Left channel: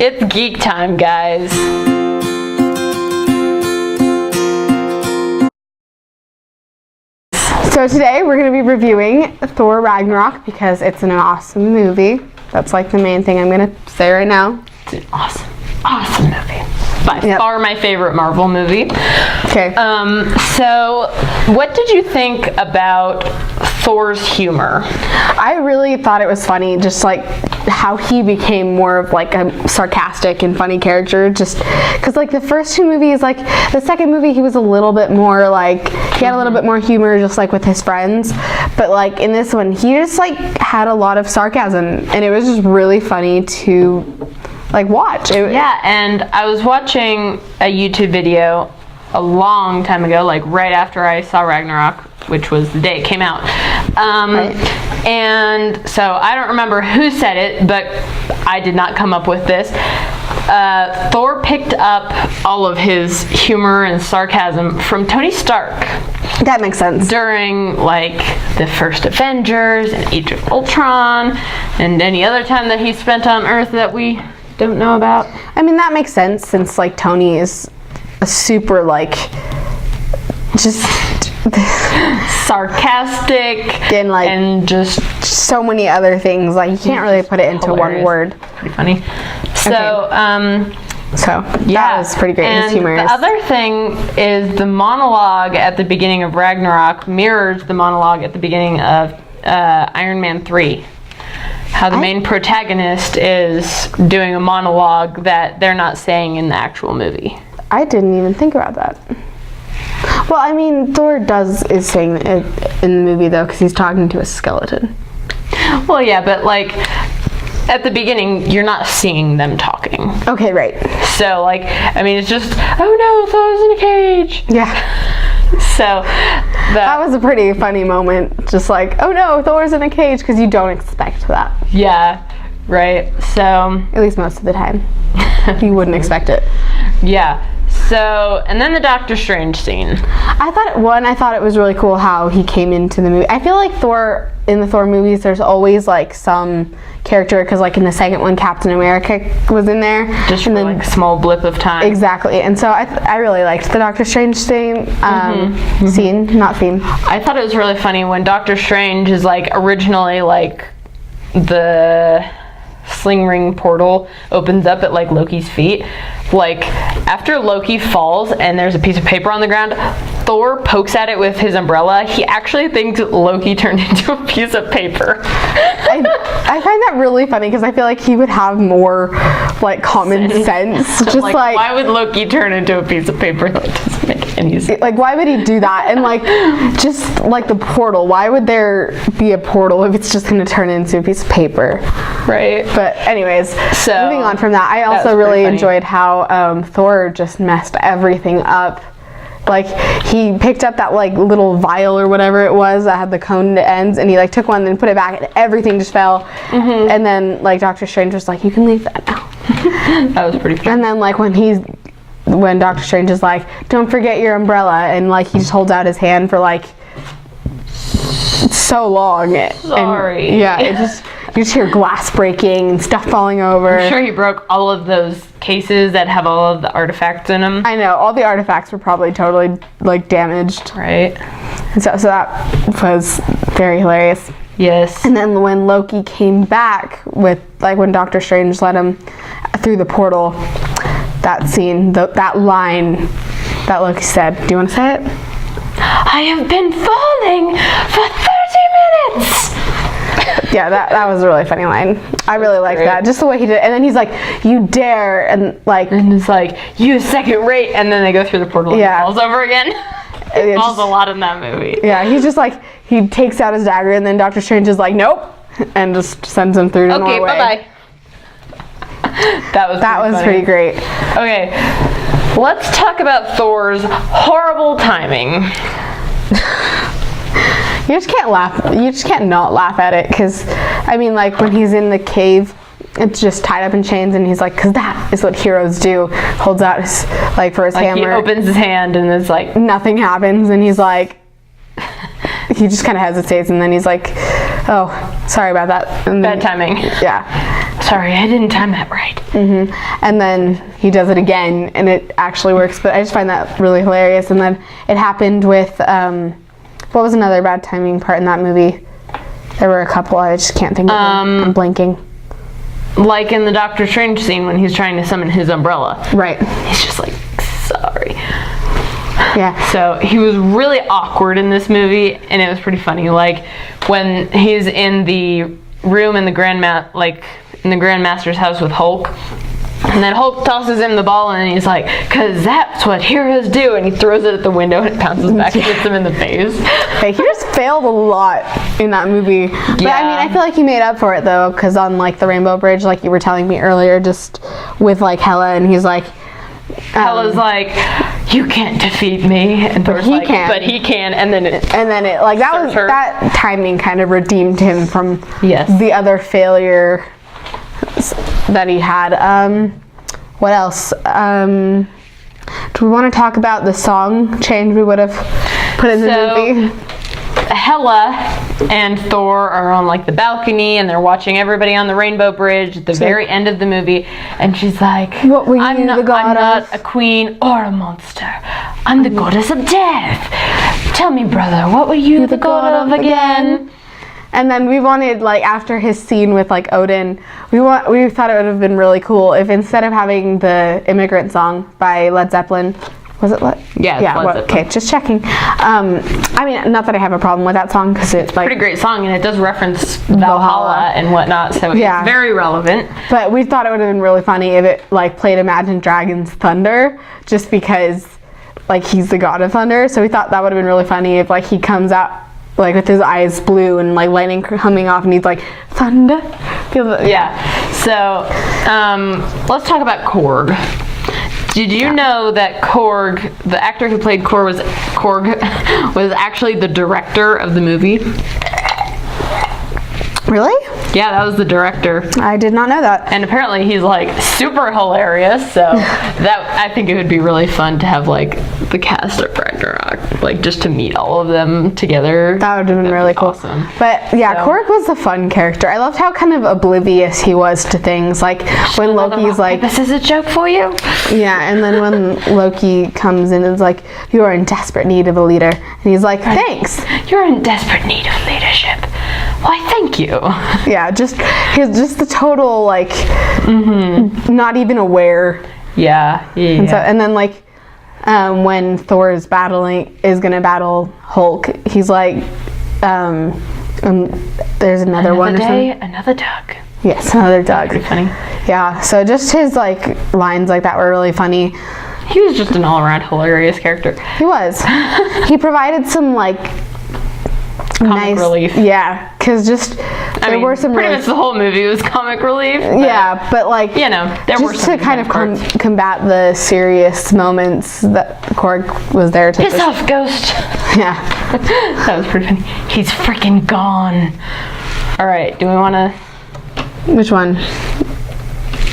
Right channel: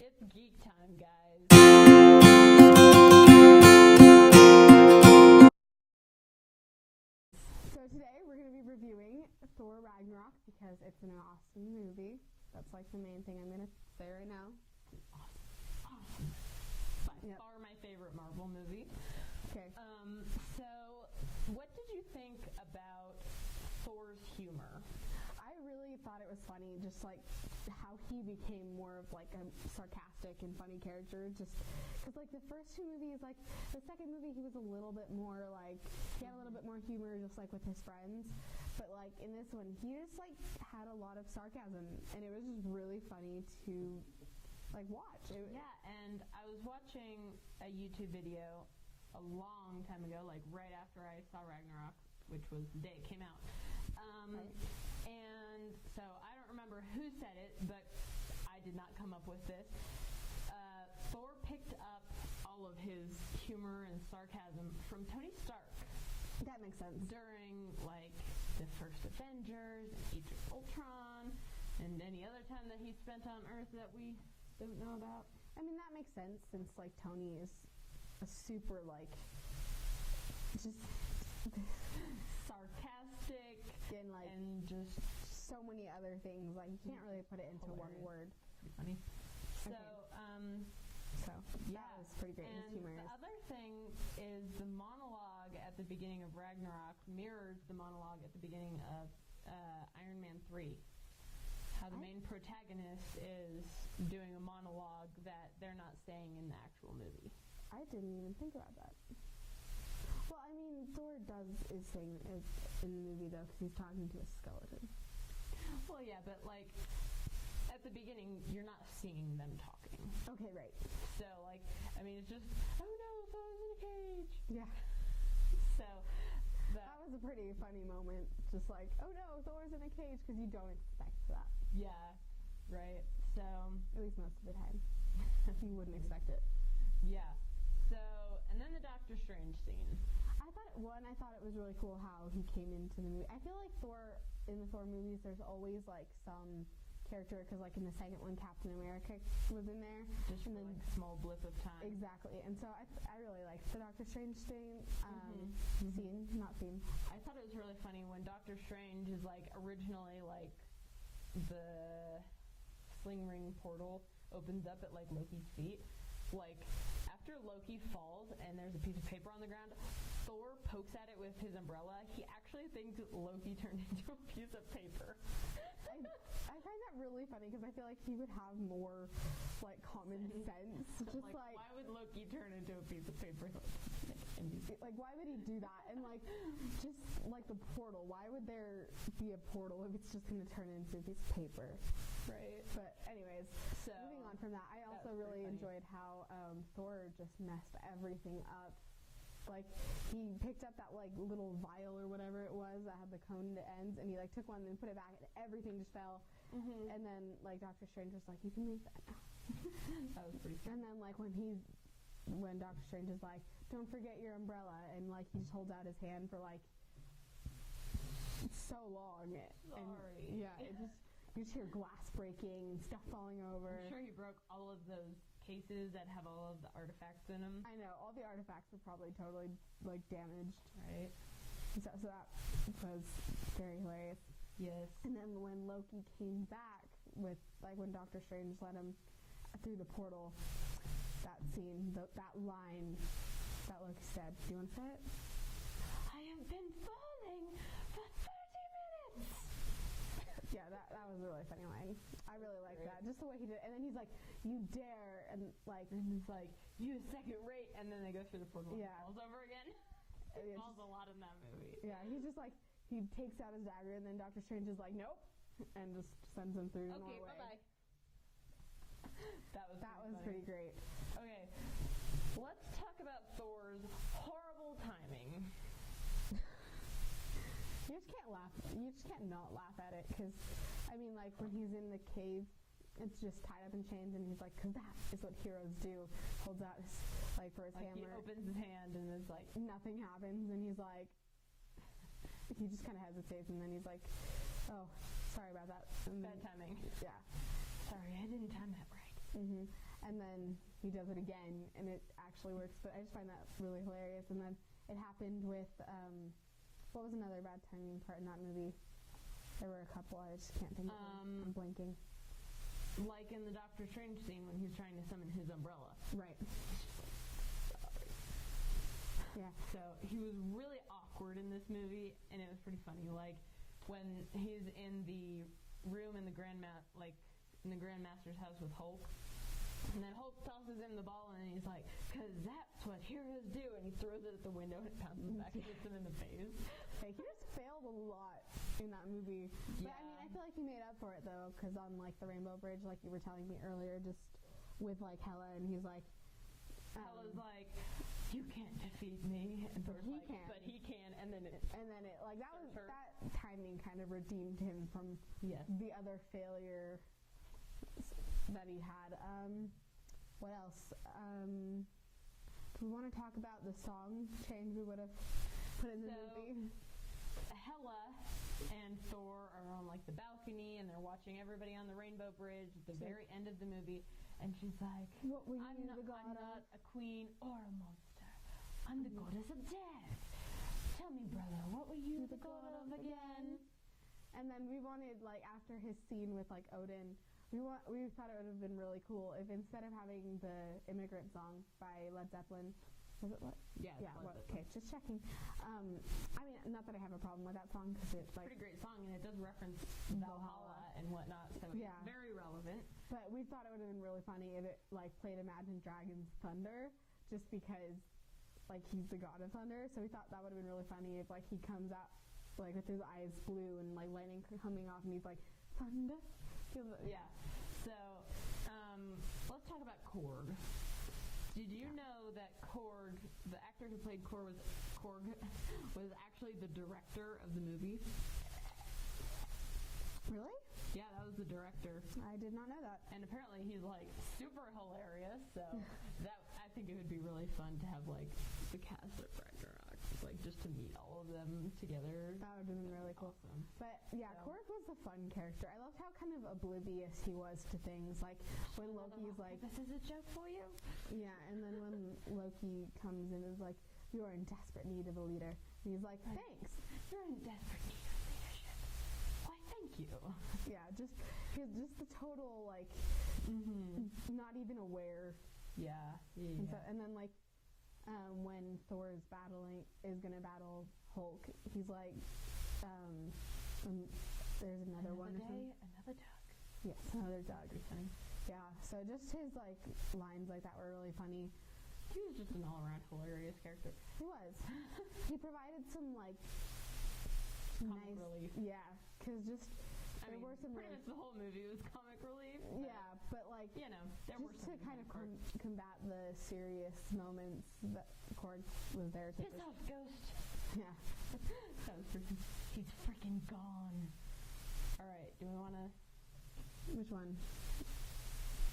It's geek time, guys. So today we're going to be reviewing Thor Ragnarok because it's an awesome movie. That's like the main thing I'm going to say right now. It's an awesome movie. By far my favorite Marvel movie. Okay. So what did you think about Thor's humor? I really thought it was funny, just like how he became more of like a sarcastic and funny character, just because like the first two movies, like the second movie he was a little bit more like, he had a little bit more humor just like with his friends, but like in this one he just like had a lot of sarcasm and it was just really funny to like watch. Yeah, and I was watching a YouTube video a long time ago, like right after I saw Ragnarok, which was the day it came out. And so I don't remember who said it, but I did not come up with this. Thor picked up all of his humor and sarcasm from Tony Stark. That makes sense. During like the first Avengers and Age of Ultron and any other time that he spent on Earth that we don't know about. I mean, that makes sense since like Tony is a super like just sarcastic and just so many other things. Like you can't really put it into one word. Pretty funny. So that was pretty great. And his humor the other thing is the monologue at the beginning of Ragnarok mirrors the monologue at the beginning of Iron Man 3. How the main protagonist is doing a monologue that they're not saying in the actual movie. I didn't even think about that. Well, I mean, Thor is saying it in the movie though, because he's talking to a skeleton. Well, yeah, but like at the beginning, you're not seeing them talking. Okay, right. So like, I mean, it's just, oh no, Thor's in a cage. Yeah. So that was a pretty funny moment. Just like, oh no, Thor's in a cage, because you don't expect that. Yeah, right. So at least most of the time, you wouldn't expect it. Yeah. So, and then the Doctor Strange scene. I thought it was really cool how he came into the movie. I feel like in the Thor movies, there's always like some character, because like in the second one, Captain America was in there. Just for like a small blip of time. Exactly. And so I really liked the Doctor Strange scene, not theme. I thought it was really funny when Doctor Strange is like originally like the sling ring portal opens up at like Loki's feet. Like after Loki falls and there's a piece of paper on the ground, Thor pokes at it with his umbrella. He actually thinks Loki turned into a piece of paper. I find that really funny because I feel like he would have more like common sense. Just like why would Loki turn into a piece of paper? That doesn't make any sense. Like why would he do that? And like just like the portal, why would there be a portal if it's just going to turn into a piece of paper? Right. But anyways, so moving on from that, I also really enjoyed how Thor just messed everything up. Like he picked up that like little vial or whatever it was that had the cone ends, and he like took one and put it back, and everything just fell. And then like Doctor Strange was like, "You can leave that now." That was pretty funny. And then like when Doctor Strange is like, "Don't forget your umbrella," and like he just holds out his hand for like so long. Sorry. And, yeah, it just. You just hear glass breaking and stuff falling over. I'm sure he broke all of those cases that have all of the artifacts in them. I know, all the artifacts were probably totally like damaged. Right. And so that was very hilarious. Yes. And then when Loki came back with, like when Doctor Strange let him through the portal, that scene, that line that Loki said, do you want to say it? I have been falling for 30 minutes! Yeah, that was a really funny line. I really liked that. Just the way he did it. And then he's like, you dare, and it's like, you second rate, and then they go through the portal and he falls over again. It falls a lot in that movie. Yeah, he's just like, he takes out his dagger, and then Doctor Strange is like, nope, and just sends him through to Norway. Okay, bye-bye. That was pretty great. Okay, let's talk about Thor's horrible timing. You just can't laugh. You just can't not laugh at it, because, I mean, like when he's in the cave, it's just tied up in chains, and he's like, because that is what heroes do. Holds out his, like, for his hammer. He opens his hand, and it's like nothing happens, and he's like, he just kind of hesitates, and then he's like, oh, sorry about that. And bad timing. Yeah. sorry, I didn't time that right. And then he does it again, and it actually works. But I just find that really hilarious. And then it happened with, what was another bad timing part in that movie? There were a couple, I just can't think of them. I'm blanking. Like in the Doctor Strange scene when he's trying to summon his umbrella. Right. He's just like, sorry. Yeah. So he was really awkward in this movie, and it was pretty funny. Like when he's in the room in the Grandmaster's house with Hulk, and then Hulk tosses him the ball, and he's like, "'Cause that's what heroes do," and he throws it at the window, and it bounces back and hits him in the face. Hey, he just failed a lot in that movie. But Yeah. I mean, I feel like he made up for it though, because on like the Rainbow Bridge, like you were telling me earlier, just with like Hela, and he's like, Hela's like, "You can't defeat me," and Thor's he like, can. "But he can," and then it like that was Her. that timing kind of redeemed him from Yes. the other failure that he had. What else? Do we want to talk about the song change we would have put in the movie? Hela and Thor are on like the balcony, and they're watching everybody on the Rainbow Bridge at the very end of the movie, and she's like, What were you I'm not, the god I'm not of?" a queen or a monster. I'm the goddess of death. Tell me, brother, what were you the god of again? And then we wanted, like, after his scene with like Odin, we thought it would have been really cool if instead of having the Immigrant Song by Led Zeppelin, was it Yeah, it's Led Zeppelin. Okay, just checking. I mean, not that I have a problem with that song because it's like Pretty great song, and it does reference Valhalla and whatnot, so Yeah. it's very relevant. But we thought it would have been really funny if it like played Imagine Dragons Thunder, just because like he's the god of thunder. So we thought that would have been really funny if like he comes out like with his eyes blue and like lightning coming off, and he's like thunder. Yeah. So let's talk about Korg. Did you know that Korg, the actor who played Korg, was actually the director of the movie? Really? Yeah, that was the director. I did not know that. And apparently he's like super hilarious, so that I think it would be really fun to have like the cast of Ragnarok, like just to meet all of them together. That would have been really cool. Awesome. But yeah, So- Korg was a fun character. I loved how kind of oblivious he was to things. Like when Loki's like, "This is a joke for you." yeah, and then when Loki comes in and is like, "You are in desperate need of a leader," and he's like, "Thanks." You're in desperate need of leadership. Why, thank you. Yeah, just the total like, not even aware. Yeah. And so, and then like, when Thor is gonna battle Hulk, he's like, there's another one or day, something. another Doug. Yes, another Doug. Pretty funny. Yeah, so just his like lines like that were really funny. He was just an all-around hilarious character. He was. He provided some like Comic relief. Yeah, because there were some pretty really, much the whole movie was comic relief. But, yeah, but like you know, there were just some to kind of parts. combat the serious moments that Korg was there to. Piss off, Ghost. Yeah. That was pretty funny. He's freaking gone. All right, do we want to? Which one?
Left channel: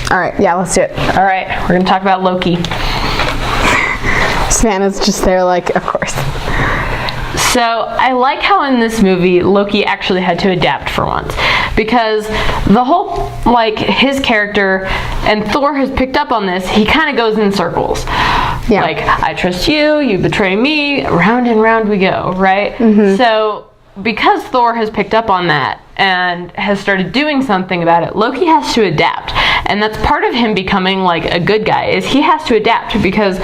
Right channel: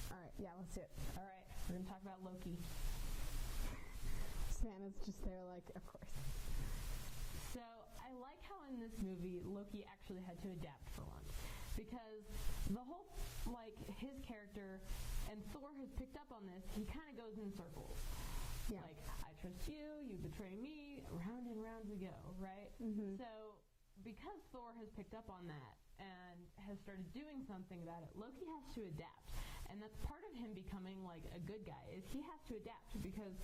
All right, yeah, let's do it. All right, we're gonna talk about Loki. Savannah's just there, like, of course. So I like how in this movie Loki actually had to adapt for once, because the whole like his character, and Thor has picked up on this, he kind of goes in circles. Yeah. Like, I trust you, you betray me, round and round we go, right? So because Thor has picked up on that and has started doing something about it, Loki has to adapt. And that's part of him becoming like a good guy, is he has to adapt, because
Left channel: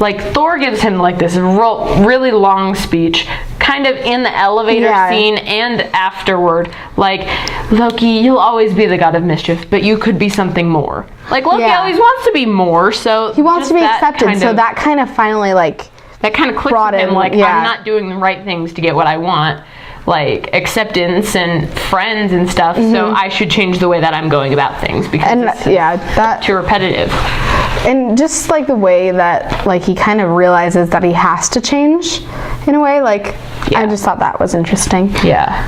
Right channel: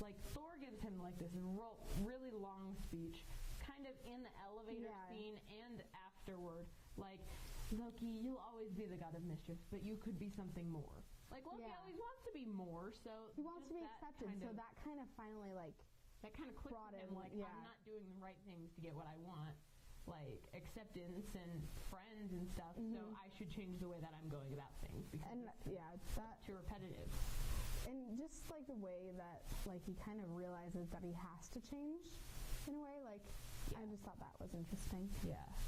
like Thor gives him like this really long speech kind of in the elevator scene and afterward, like, Loki, you'll always be the god of mischief, but you could be something more. Like, Loki always wants to be more, so He wants to be that accepted, kind so of- that kind of finally like that kind of clicks brought with him, him, like, yeah. I'm not doing the right things to get what I want, like acceptance and friends and stuff, so I should change the way that I'm going about things, because and it's that too repetitive. and just like the way that like he kind of realizes that he has to change in a way, like I just thought that was interesting. Yeah.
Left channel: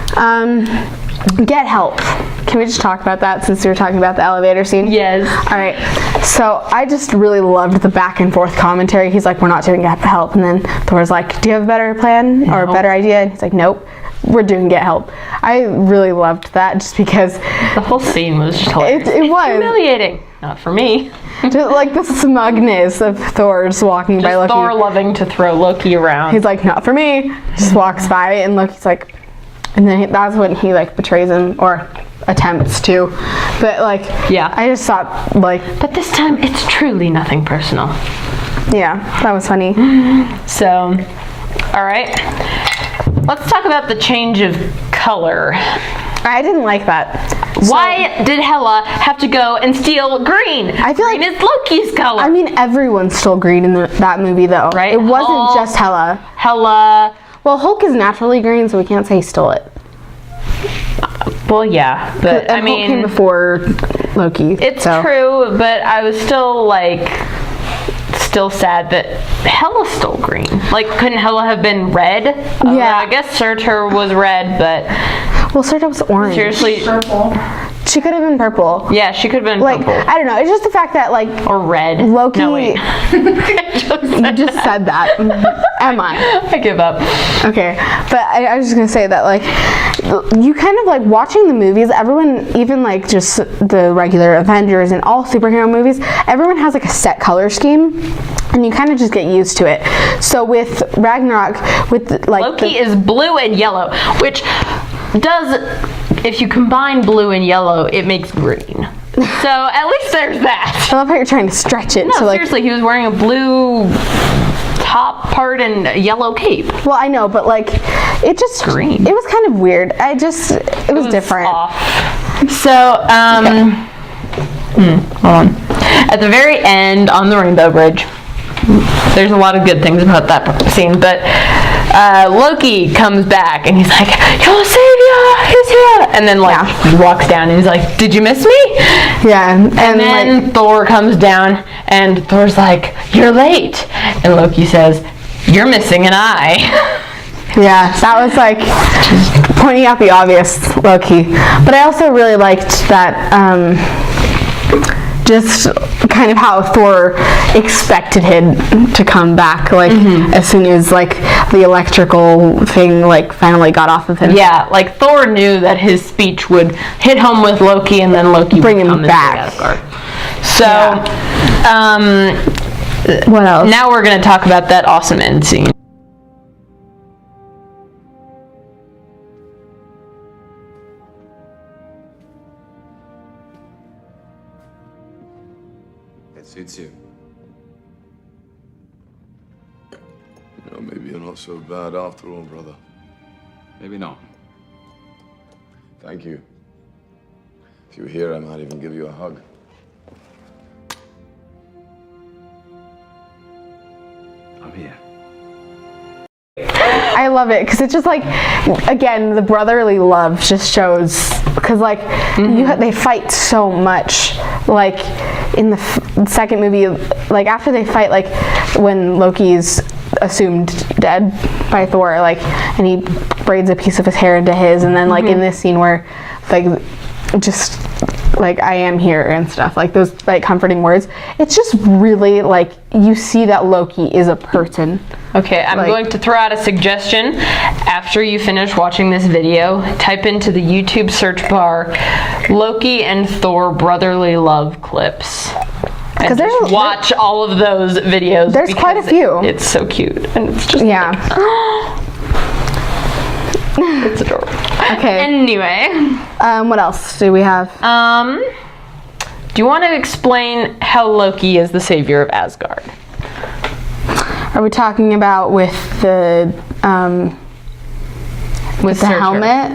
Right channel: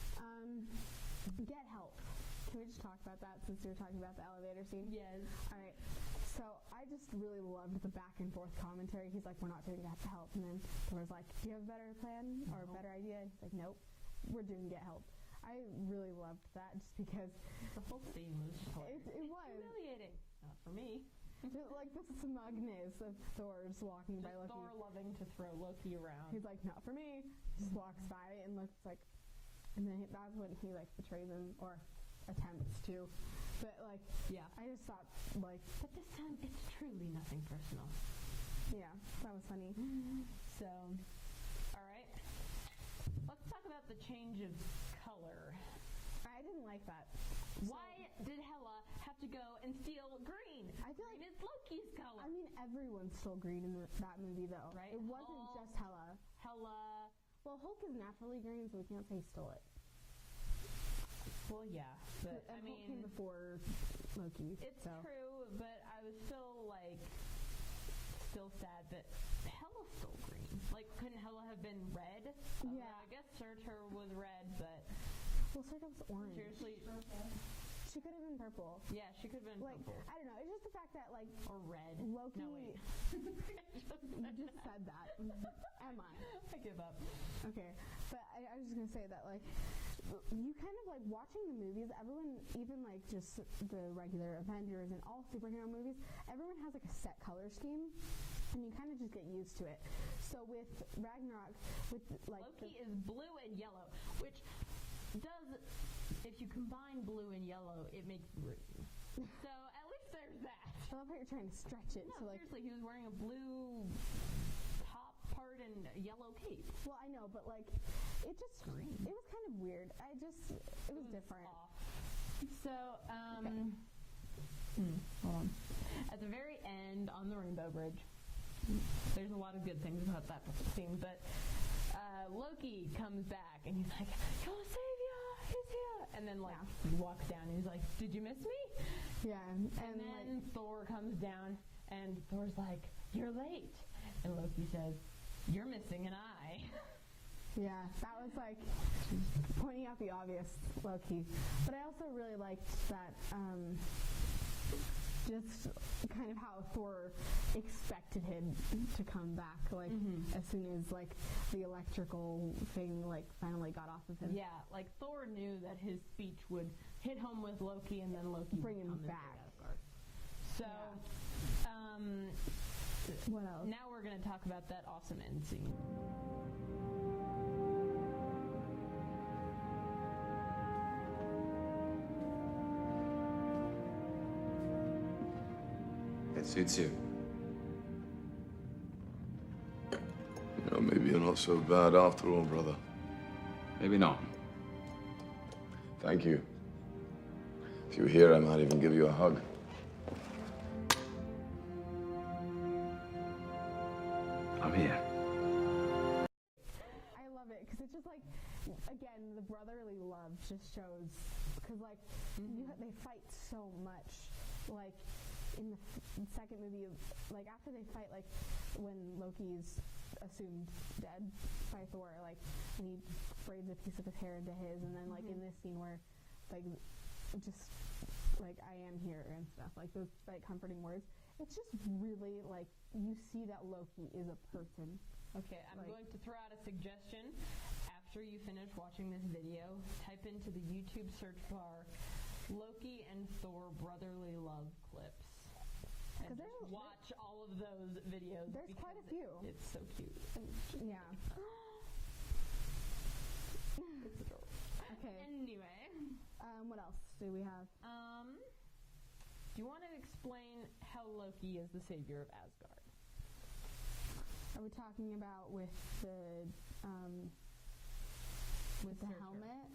Get help. Can we just talk about that since we were talking about the elevator scene? Yes. All right. So I just really loved the back and forth commentary. He's like, we're not doing help. And then Thor's like, do you have a better plan or a better idea? And he's like, nope. we're doing Get Help. I really loved that just because The whole scene was just hilarious. it was Humiliating. Not for me. just like the smugness of Thor just walking by Loki. Thor loving to throw Loki around. He's like, not for me. Just walks by, and Loki's like, and then that's when he like betrays him or attempts to. But like, Yeah. I just thought like, But this time, it's truly nothing personal. yeah, that was funny. So, all right. Let's talk about the change of color. I didn't like that. Why did Hela have to go and steal green? I feel green like- is Loki's color. I mean, everyone stole green in that movie, though. Right? It wasn't Hulk. just Hela. Hela. Well, Hulk is naturally green, so we can't say he stole it. Well, yeah, but I And Hulk came mean, before Loki. it's so. true. But I was still sad that Hela stole green. Like, couldn't Hela have been red? Yeah. I guess Surtur was red, but Well, Serta was orange. seriously, She could have been purple. yeah, she could have been Like, purple I don't know. It's just the fact that, like, or red. Loki. No, wait. You just said that. Am I? I give up. Okay. But I was just going to say that, like, you kind of, like, watching the movies, everyone, even, like, just the regular Avengers and all superhero movies, everyone has, like, a set color scheme. And you kind of just get used to it. So with Ragnarok, with, like... Loki is blue and yellow, which does, if you combine blue and yellow, it makes green. So at least there's that. I love how you're trying to stretch it. No, so, like, seriously, he was wearing a blue top part and a yellow cape. well, I know, but, like, it just... Green. It was kind of weird. It was different. Off. So, hold on. At the very end on the Rainbow Bridge, there's a lot of good things about that scene, but Loki comes back and he's like, "Your savior is here!" And then he walks down and he's like, "Did you miss me?" Yeah. And then like, Thor comes down and Thor's like, "You're late." And Loki says, "You're missing an eye." yeah, that was like pointing out the obvious, Loki. But I also really liked that just kind of how Thor expected him to come back, like as soon as like the electrical thing like finally got off of him. Yeah, like Thor knew that his speech would hit home with Loki, and then Loki Bring would him come back. into Asgard. So, What else? now we're gonna talk about that awesome end scene. It suits you. You know, maybe you're not so bad after all, brother. Maybe not. Thank you. If you were here, I might even give you a hug. I'm here. I love it because it's just like, again, the brotherly love just shows because like they fight so much. Like in the second movie, like after they fight, like when Loki's assumed dead by Thor, like, and he braids a piece of his hair into his, and then like in this scene where like just like I am here and stuff, like those like comforting words, it's just really like you see that Loki is a person. Okay, I'm Like- going to throw out a suggestion. After you finish watching this video, type into the YouTube search bar Loki and Thor brotherly love clips. And 'Cause there's- just watch all of those videos. There's quite a because few. It's so cute. And it's just Yeah. it's adorable. Okay. Anyway, What else do we have? do you want to explain how Loki is the savior of Asgard? Are we talking about with the Surtur. helmet?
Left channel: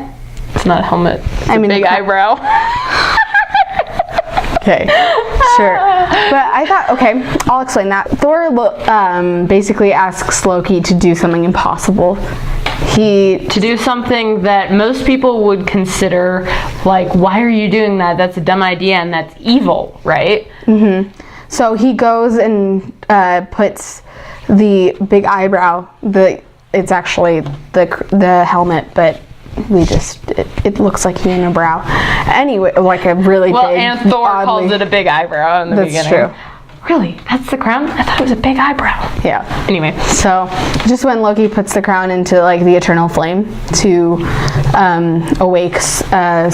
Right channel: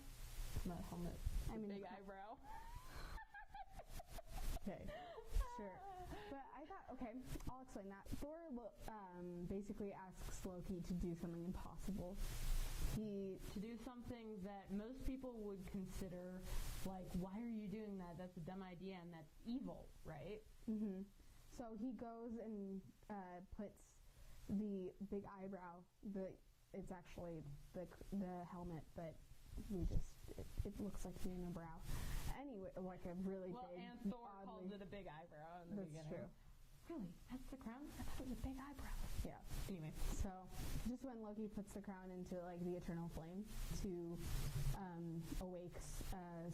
It's not a helmet. It's I a mean, big the eyebrow. Okay, sure. But I thought, okay, I'll explain that. Thor basically asks Loki to do something impossible. To do something that most people would consider like, why are you doing that? That's a dumb idea and that's evil, right? So he goes and puts the big eyebrow. It's actually the helmet, but it looks like a unibrow. Anyway, like a really Well, big. and Thor calls it a big eyebrow in the That's beginning. true. Really? That's the crown? I thought it was a big eyebrow. Yeah. Anyway. So, just when Loki puts the crown into like the eternal flame to awake Surtur.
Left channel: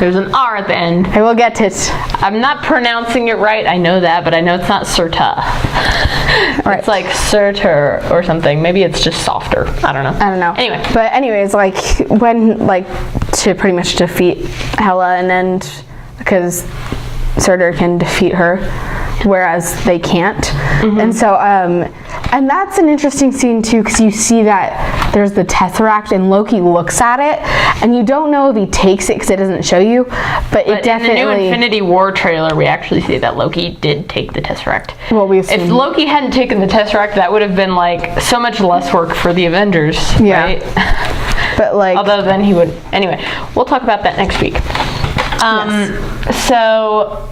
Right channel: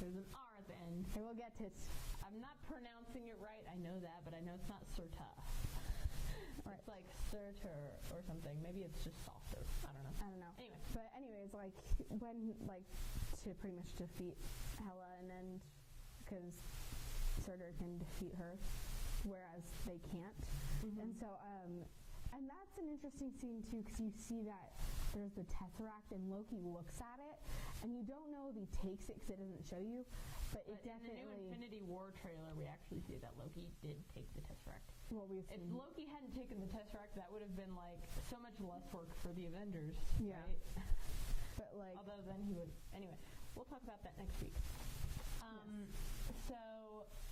There's an R at the end. I will get it. I'm not pronouncing it right. I know that, but I know it's not Surta. Right. It's like Surtur or something. Maybe it's just softer. I don't know. Anyway. But anyways, like when like to pretty much defeat Hela and because Surtur can defeat her, whereas they can't. And so and that's an interesting scene too, because you see that there's the Tesseract and Loki looks at it and you don't know if he takes it because it doesn't show you, but it definitely in the new Infinity War trailer we actually see that Loki did take the Tesseract. Well, if Loki hadn't taken the Tesseract, that would have been like so much less work for the Avengers, right? But like, although then he would, anyway, we'll talk about that next week. So,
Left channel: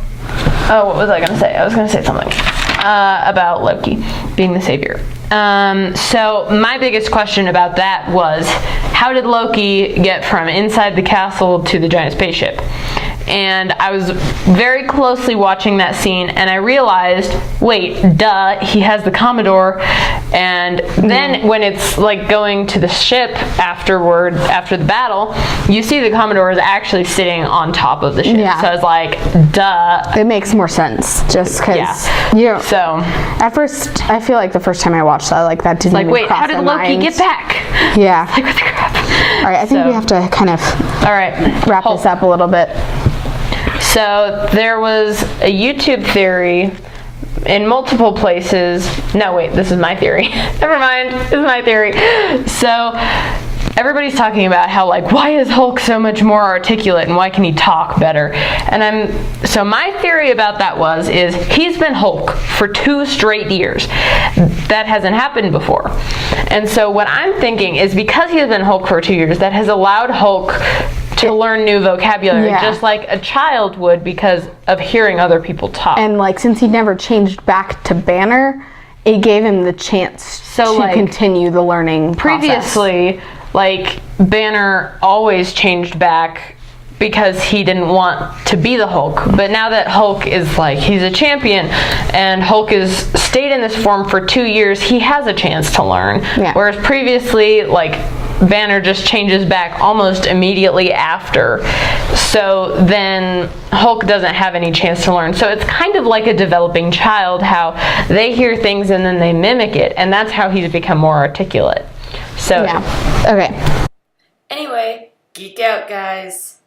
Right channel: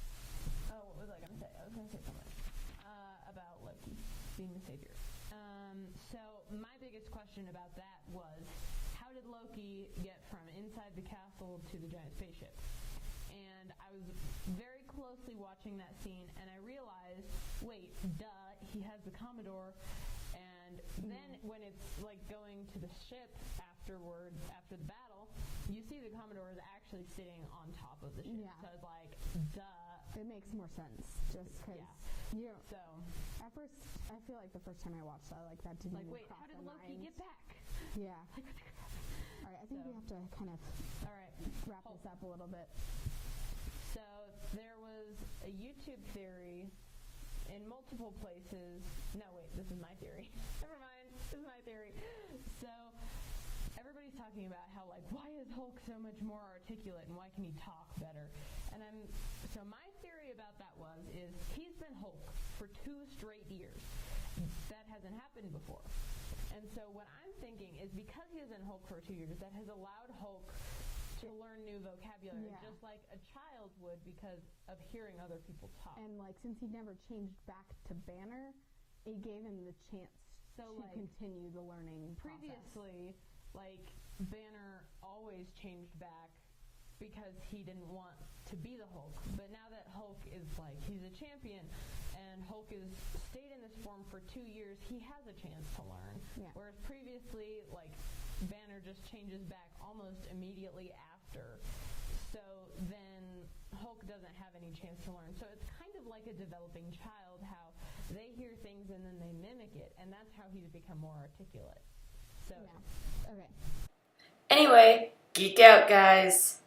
what was I going to say? I was going to say something about Loki being the savior. So my biggest question about that was, how did Loki get from inside the castle to the giant spaceship? And I was very closely watching that scene and I realized, wait, duh, he has the Commodore. And then when it's like going to the ship after the battle, you see the Commodore is actually sitting on top of the ship. Yeah. So I was like, duh. It makes more sense just because, So at first, I feel like the first time I watched that, like that didn't like, even wait, cross how did my Loki mind. get back? Yeah. Like, what the crap? All right, I think we have to kind of wrap this up a little bit. So there was a YouTube theory in multiple places. No, wait, this is my theory. Never mind, this is my theory. So everybody's talking about how, like, why is Hulk so much more articulate and why can he talk better? And so my theory about that is he's been Hulk for 2 straight years. That hasn't happened before. And so what I'm thinking is because he has been Hulk for 2 years, that has allowed Hulk to learn new vocabulary, just like a child would because of hearing other people talk. And like, since he never changed back to Banner, it gave him the chance to continue the learning previously process. Like, Banner always changed back because he didn't want to be the Hulk. But now that Hulk is like, he's a champion and Hulk has stayed in this form for 2 years, he has a chance to learn. Whereas previously, like, Banner just changes back almost immediately after. So then Hulk doesn't have any chance to learn. So it's kind of like a developing child, how they hear things and then they mimic it. And that's how he's become more articulate. So Okay. Anyway, geek out, guys.